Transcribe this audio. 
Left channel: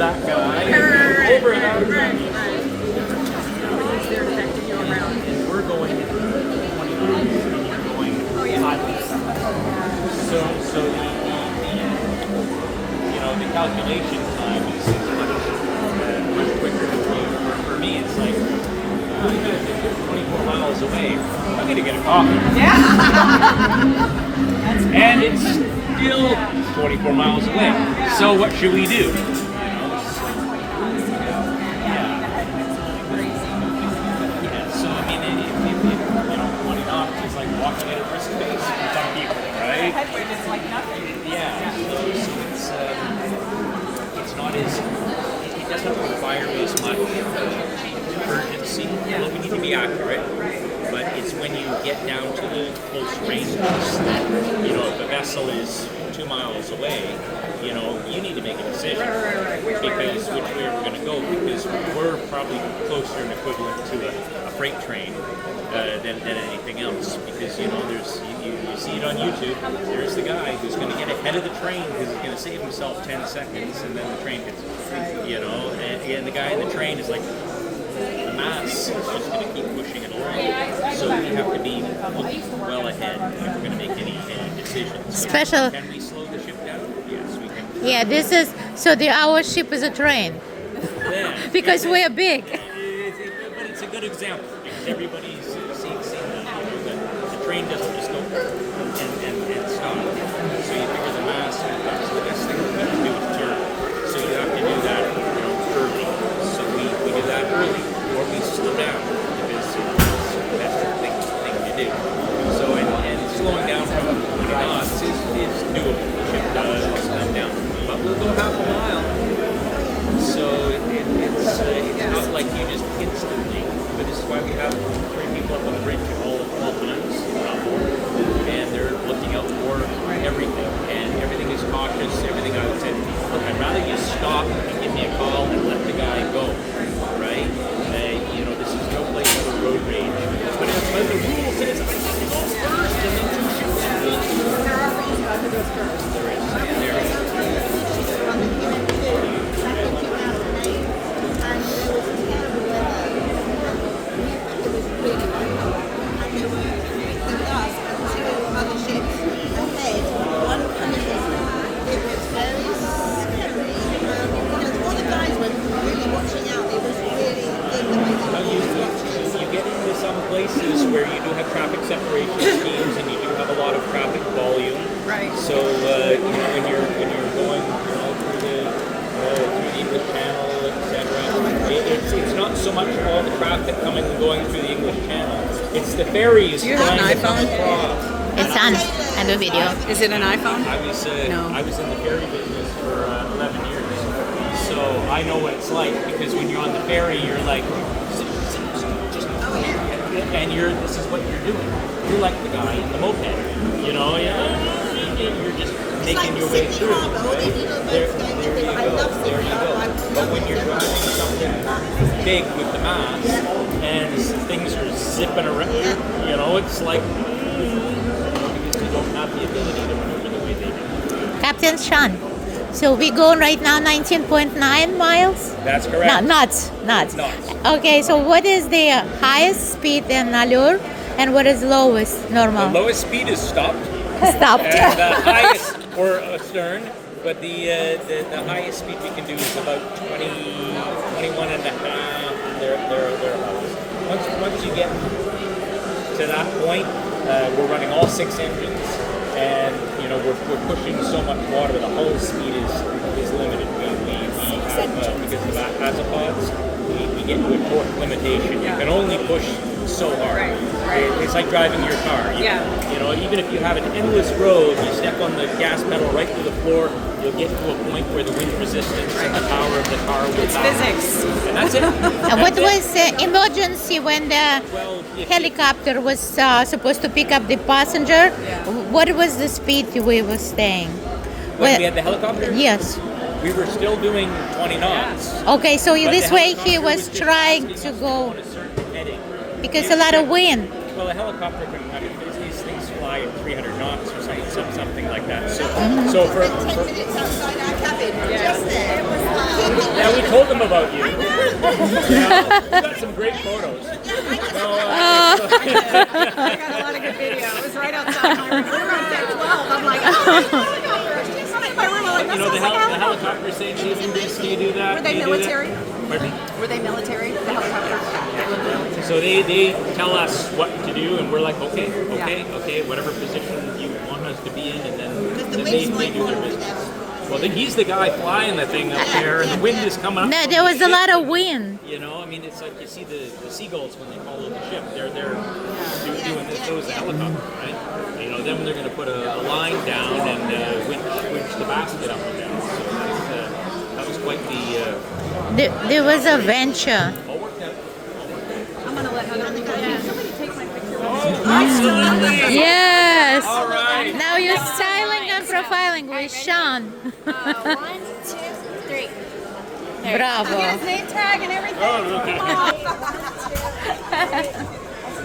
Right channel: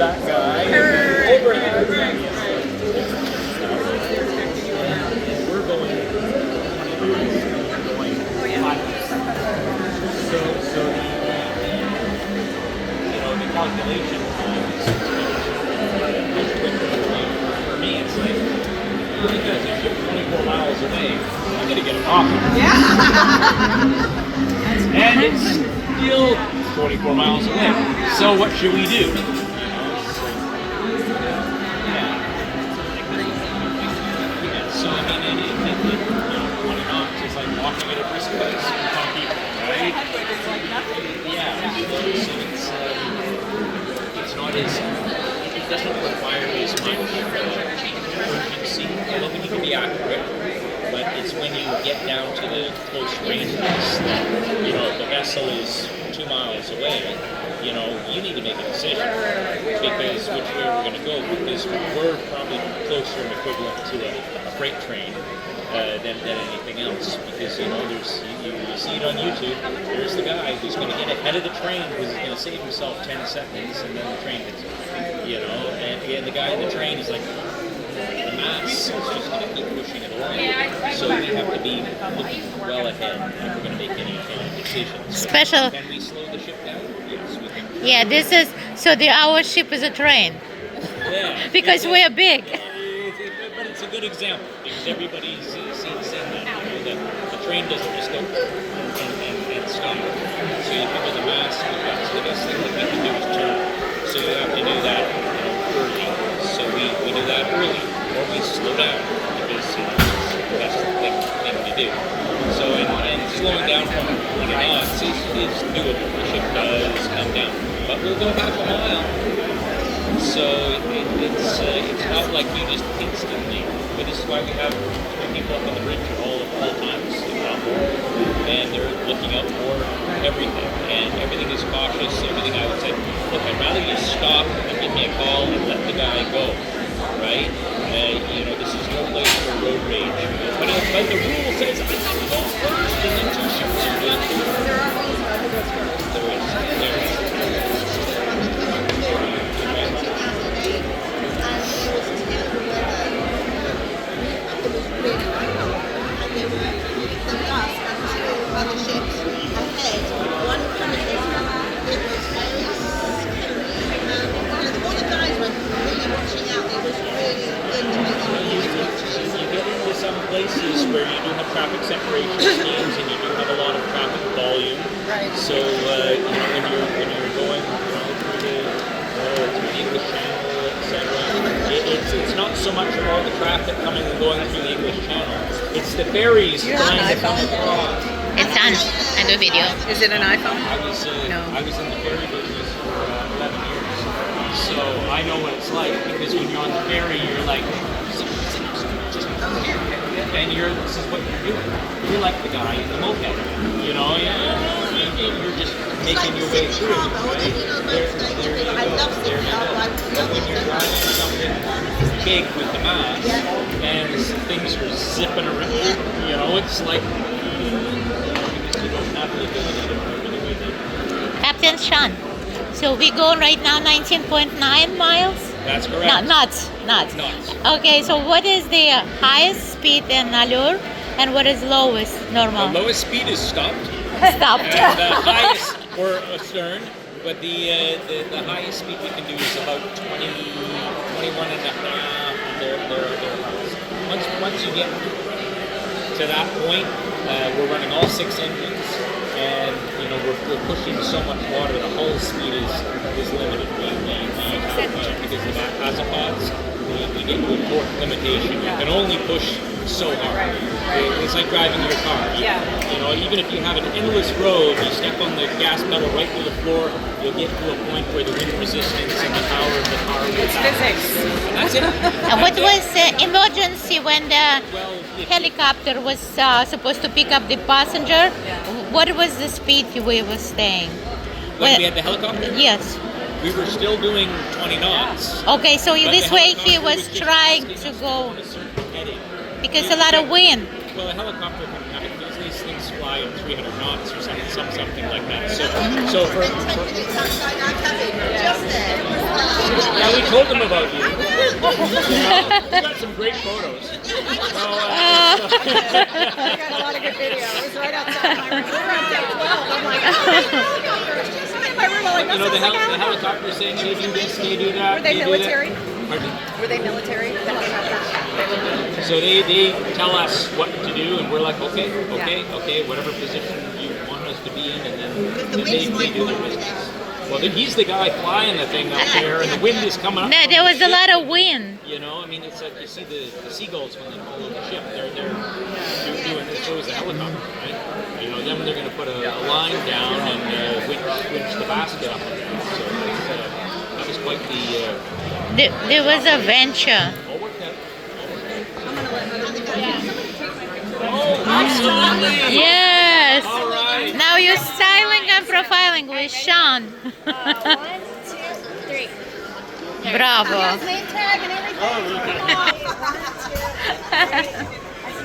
that guy. Right. They're affecting you around. And we're going 20 miles and you're going 5 miles. So the calculation time is much quicker. For me, it's like, oh, because if you're 24 miles away, I'm going to get a coffee. Yeah. And it's still 24 miles away. So what should we do? So I mean, it 20 knots is like walking at a brisk pace for some people, right? Yeah. So it's not as, it doesn't require as much urgency. Although we need to be accurate, but it's when you get down to the close ranges that, if the vessel is 2 miles away, you need to make a decision because which way we're going to go, because we're probably closer and equivalent to a freight train than anything else, because there's you see it on YouTube. There's the guy who's going to get ahead of the train because he's going to save himself 10 seconds, and then the train gets, and again the guy in the train is like, the mass is just going to keep pushing it along. So we have to be looking well ahead if we're going to make any decisions. So Special. Can we slow the ship down? Yes, we can. Yeah, our ship is a train. Yeah. Because we are big. But it's a good example because everybody's seen that. The train doesn't just go and stop. So you figure the mass goes up. So the best thing that we can do is turn. So you have to do that early. So we do that early, or we slow down because that's the thing to do. So and slowing down from 20 knots is doable. The ship does come down, but we'll go half a mile. So it's not like you just instantly. But this is why we have 3 people up on the bridge at all times, if not more, and they're looking out for everything, and everything is cautious. Everything I would say, look, I'd rather you stop and give me a call and let the guy go, right? This is no place for road rage. But the rule says I have to go first, and then 2 ships are good. There is. Places where you do have traffic separation schemes and you do have a lot of traffic volume. Right. So when you're going through the English Channel, etc. It's not so much all the traffic coming and going through the English Channel. It's the ferries trying to come across. It's on. I do video. Is it an iPhone? I was in the ferry business for 11 years, so I know what it's like because when you're on the ferry, you're like. And this is what you're doing. You're like the guy in the moped, you're just making your way through, right? There you go. But when you're driving something big with the mass and things are zipping around, it's like, because you don't have the ability to maneuver the way they do. Captain Shawn. So we go right now 19.9 miles? That's correct. Knots. Knots. Okay, so what is the highest speed in Allure and what is lowest normal? The lowest speed is stopped. Stopped. And the highest, or astern, but the highest speed we can do is about 21 and a half, thereabouts. Once you get to that point, we're running all 6 engines, and we're pushing so much water. The hull speed is limited. We have because of azipods, we get to a torque limitation. You can only push so hard. Right. It's like driving your car. Even if you have an endless road, you step on the gas pedal right through the floor, you'll get to a point where the wind resistance and the power of the car will balance. Physics. And that's it. What was emergency when the helicopter was supposed to pick up the passenger? What was the speed we were staying? When we had the helicopter? Yes. We were still doing 20 knots. Okay, so But this the way he helicopter was just trying asking to us go on a certain heading. because a lot of wind. Well, a helicopter can have it. These things fly at 300 knots or something like that. So for Just there. Yeah, we told them about you. You know, we got some great photos. So, I got a lot of good video. It was right outside my room. We were on deck 12. I'm like, my room only you know, the helicopter saying, "Can you do this? Can you do that? Were they Can you do military? that?" Pardon me? Were they military? So they tell us what to do, and we're like, okay, whatever position you want us to be in, and then they do their business. Well, then he's the guy flying the thing up there, and the wind is coming up. No, from there the was a ship. lot of wind. You know, I mean, it's like you see the seagulls when they follow the ship. They're doing it. So is the helicopter, right? You know, then they're going to put a line down and winch the basket up and down. So that was quite the. There was a venture. All worked out. Oh, absolutely. Yes. All right. Now you're styling and profiling with Shawn. 1, 2, 3. Bravo. Name tag and everything. Oh, okay. Come on. 1, 2, 3.